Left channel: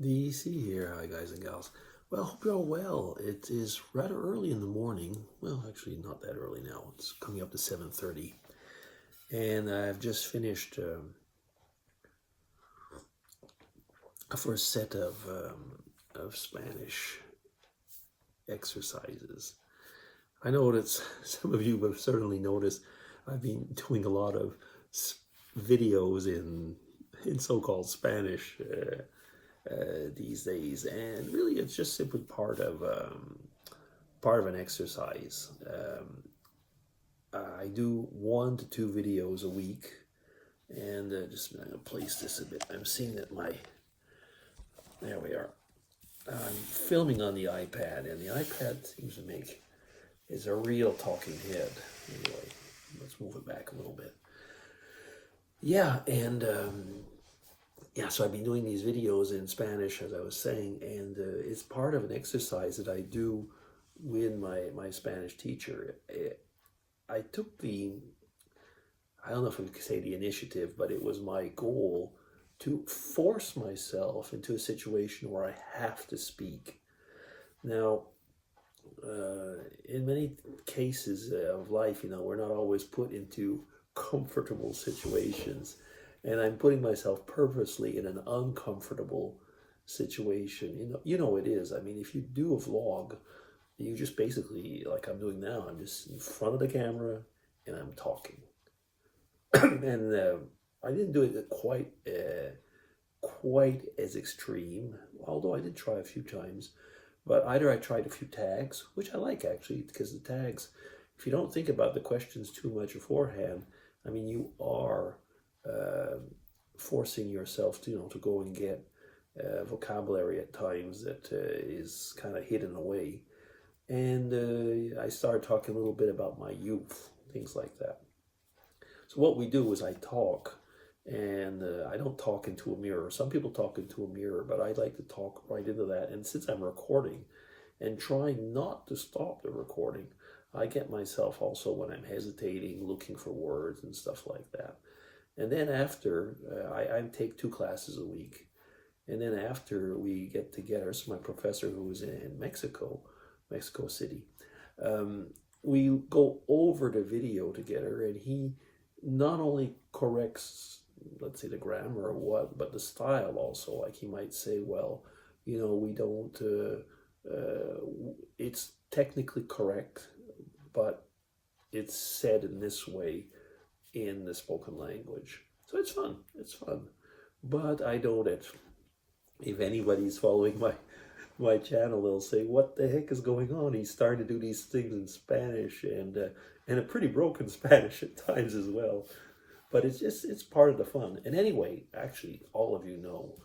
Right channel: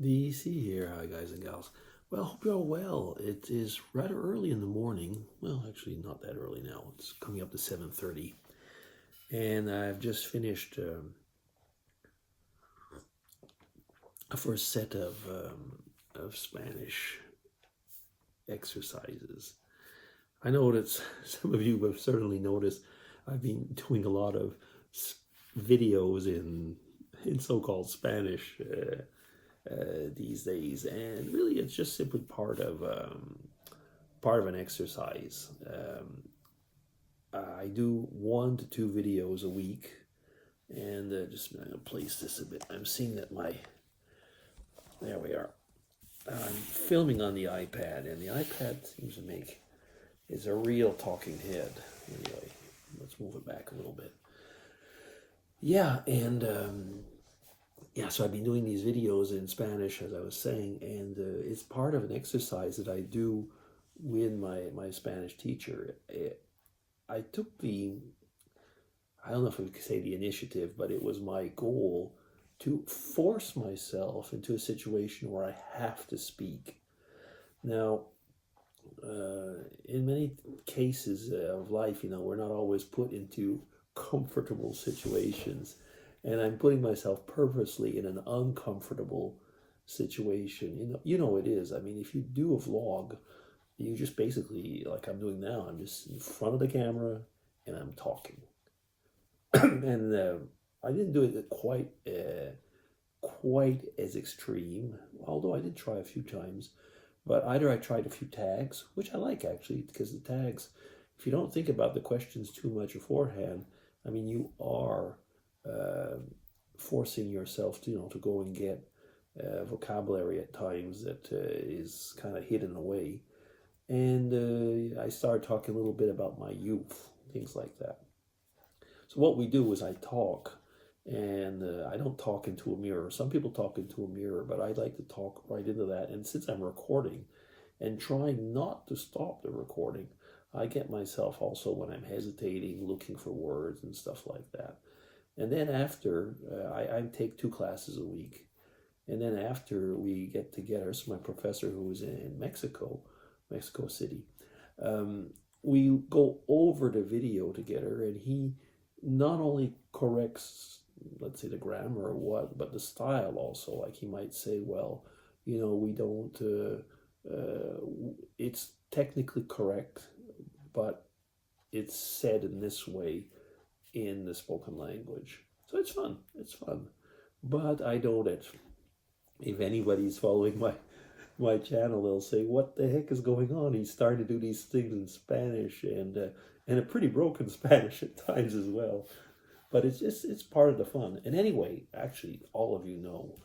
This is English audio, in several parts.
DC here. Hi, guys and gals. Well, hope you're all well. It is rather early in the morning. Well, actually, not that early now. It's coming up to 7:30, and I've just finished a first set of Spanish exercises. I know that some of you have certainly noticed I've been doing a lot of videos in so-called Spanish. These days, and really, it's just simply part of an exercise. I do 1 to 2 videos a week, and I'm going to place this a bit. I'm seeing that there we are. I'm filming on the iPad, and the iPad seems to is a real talking head. Anyway, let's move it back a little bit. Yeah, and so I've been doing these videos in Spanish, as I was saying, and it's part of an exercise that I do with my Spanish teacher. I took I don't know if we could say the initiative, but it was my goal to force myself into a situation where I have to speak. Now, in many cases of life, we're not always put into comfortable situations. And I'm putting myself purposely in an uncomfortable situation. You know it is. I mean, if you do a vlog, you just basically, like I'm doing now, I'm just in front of the camera and I'm talking. And I didn't do it quite as extreme, although I did try a few times. But either I tried a few tags, which I like actually, because the tags, if you don't think about the questions too much beforehand, I mean, you are forcing yourself to go and get vocabulary at times that is kind of hidden away. And I started talking a little bit about my youth, things like that. So what we do is I talk, and I don't talk into a mirror. Some people talk into a mirror, but I like to talk right into that. And since I'm recording and trying not to stop the recording, I get myself also, when I'm hesitating, looking for words and stuff like that. And then after, I take 2 classes a week. And then after we get together, so my professor who is in Mexico City, we go over the video together, and he not only corrects, let's say, the grammar or what, but the style also. Like he might say, well, we don't, it's technically correct, but it's said in this way in the spoken language. So it's fun. But I know that if anybody's following my channel, they'll say, what the heck is going on? He's starting to do these things in Spanish, and a pretty broken Spanish at times as well. But it's part of the fun. And anyway, actually, all of you know,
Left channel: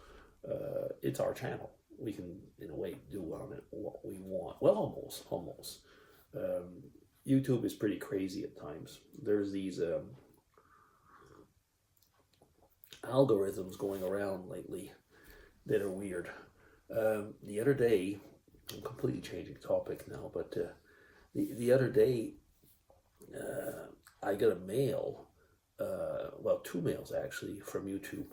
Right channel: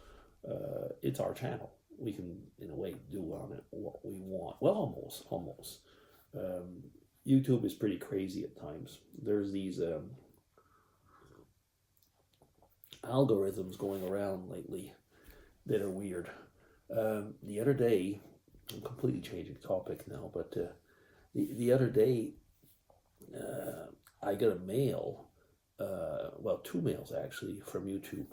it's our channel. We can, in a way, do on it what we want. Well, almost. YouTube is pretty crazy at times. There's these algorithms going around lately that are weird. The other day, I'm completely changing topic now, but the other day, I got a mail, 2 mails actually, from YouTube.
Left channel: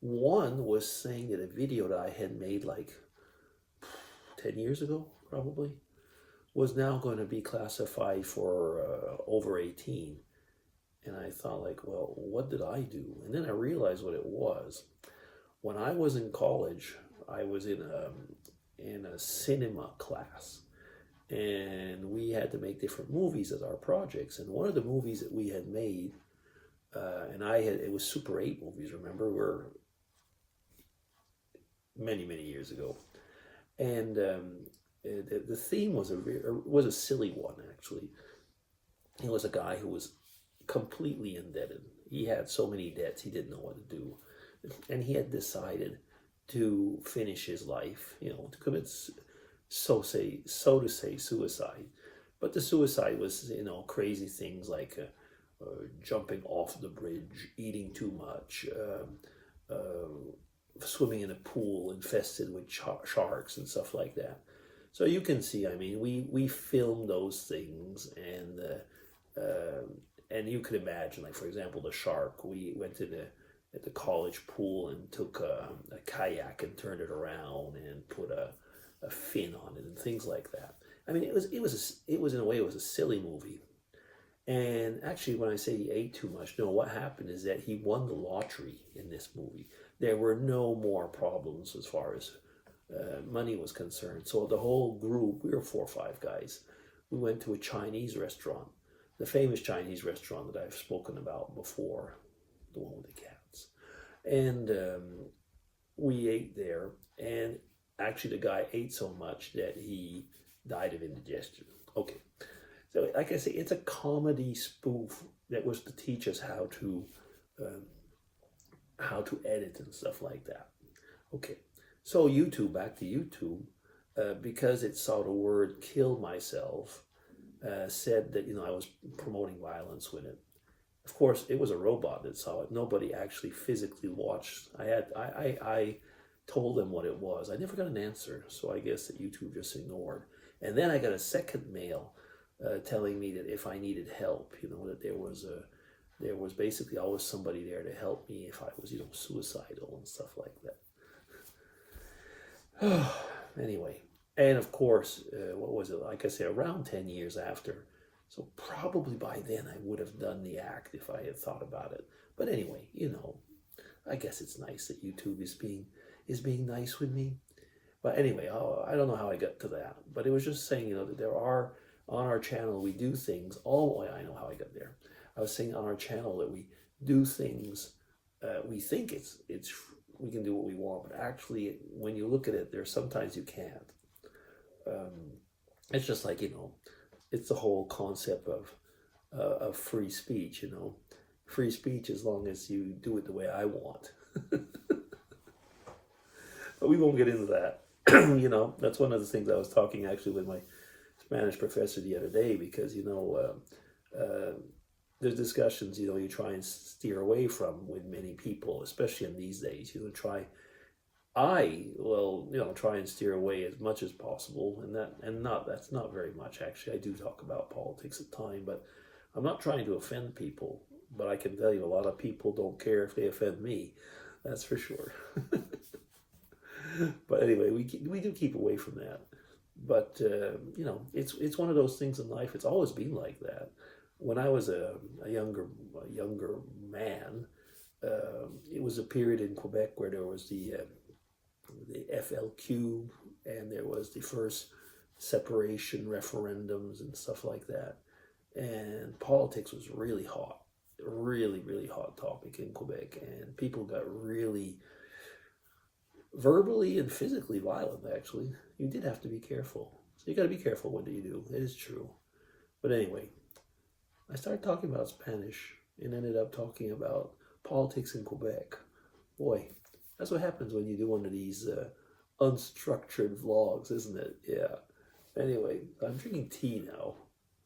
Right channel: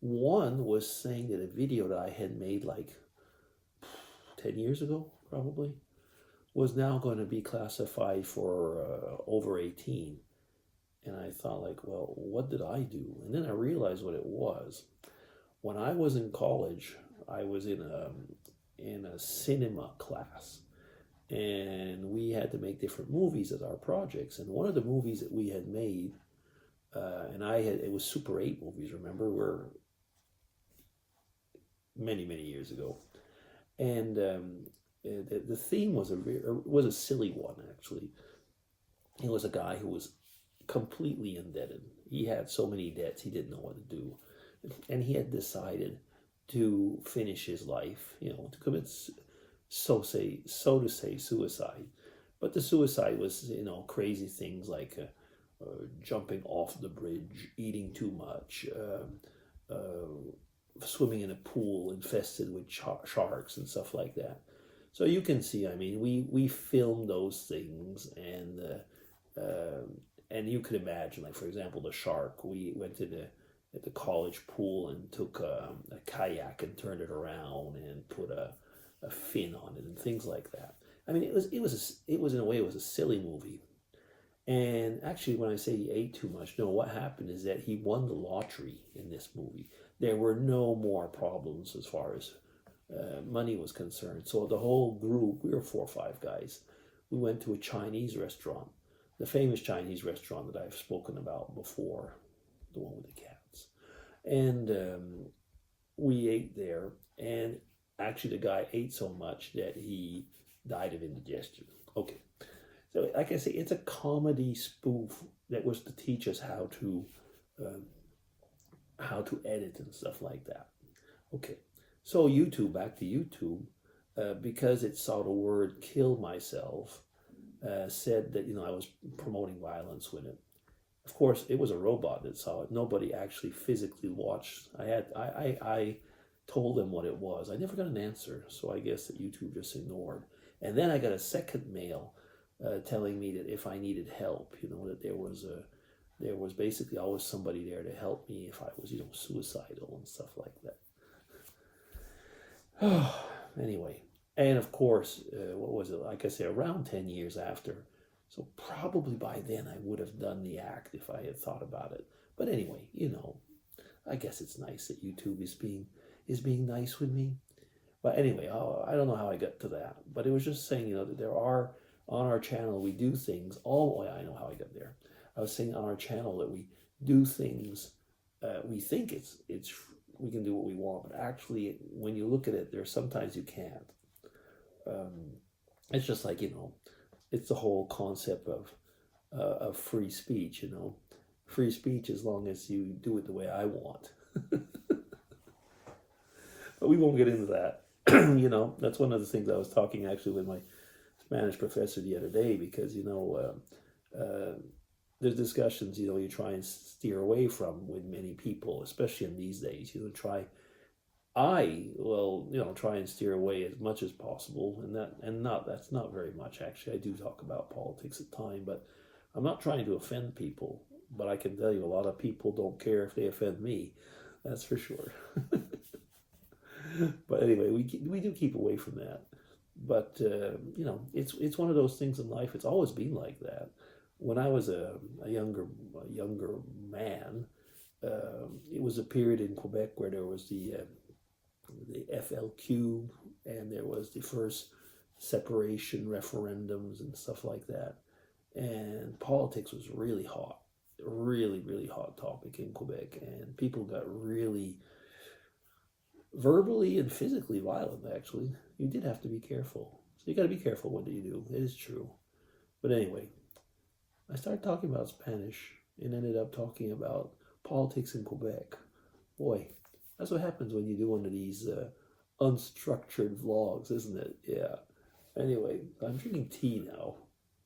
One was saying that a video that I had made like 10 years ago, probably, was now going to be classified for over 18. And I thought, like, well, what did I do? And then I realized what it was. When I was in college, I was in a cinema class, and we had to make different movies as our projects. And one of the movies that we had made, it was Super 8 movies, remember? We're many, many years ago. And the theme was a silly one, actually. It was a guy who was completely indebted. He had so many debts, he didn't know what to do. And he had decided to finish his life, to commit, so to say, suicide. But the suicide was, crazy things like jumping off the bridge, eating too much, swimming in a pool infested with sharks and stuff like that. So you can see, I mean, we filmed those things, and you could imagine, like, for example, the shark. We went to at the college pool and took a kayak and turned it around and put a fin on it and things like that. I mean, it was in a way it was a silly movie. And actually, when I say he ate too much, no, what happened is that he won the lottery in this movie. There were no more problems as far as money was concerned. So the whole group, we were 4 or 5 guys, we went to a Chinese restaurant, the famous Chinese restaurant that I've spoken about before, the one with the cats. And we ate there, and actually the guy ate so much that he died of indigestion. Okay. So, like I say, it's a comedy spoof that was to teach us how to edit and stuff like that. Okay, so YouTube, back to YouTube, because it saw the word "kill myself," said that I was promoting violence with it. Of course, it was a robot that saw it. Nobody actually physically watched. I told them what it was. I never got an answer, so I guess that YouTube just ignored. And then I got a second mail. Telling me that if I needed help, that there was basically always somebody there to help me if I was, suicidal and stuff like that. Anyway, and of course, what was it? Like I said, around 10 years after. So probably by then I would have done the act if I had thought about it. But anyway, I guess it's nice that YouTube is being nice with me. But anyway, I don't know how I got to that. But it was just saying, that there are, on our channel, we do things. Oh, I know how I got there. I was saying on our channel that we do things. We think we can do what we want, but actually, when you look at it, there's sometimes you can't. It's just like it's the whole concept of free speech. Free speech as long as you do it the way I want. But we won't get into that. That's one of the things I was talking actually with my Spanish professor the other day, because there's discussions you try and steer away from with many people, especially in these days. Try and steer away as much as possible, that's not very much actually. I do talk about politics at times, but I'm not trying to offend people. But I can tell you, a lot of people don't care if they offend me. That's for sure. But anyway, we do keep away from that. But it's one of those things in life. It's always been like that. When I was a younger man, it was a period in Quebec where there was the FLQ, and there was the first separation referendums and stuff like that. And politics was really hot, really, really hot topic in Quebec, and people got really verbally and physically violent. Actually, you did have to be careful. So you got to be careful what you do. It is true. But anyway, I started talking about Spanish and ended up talking about politics in Quebec. Boy, that's what happens when you do one of these unstructured vlogs, isn't it? Yeah. Anyway, I'm drinking tea now,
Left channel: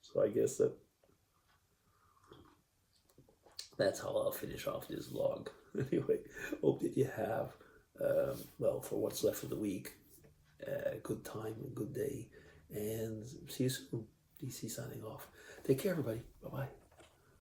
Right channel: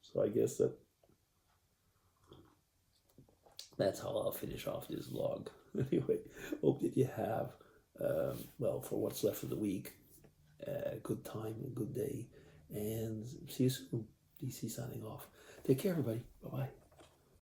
so I guess that's how I'll finish off this vlog. Anyway, hope that you have for what's left of the week, a good time, a good day, and see you soon. DC signing off. Take care, everybody. Bye-bye.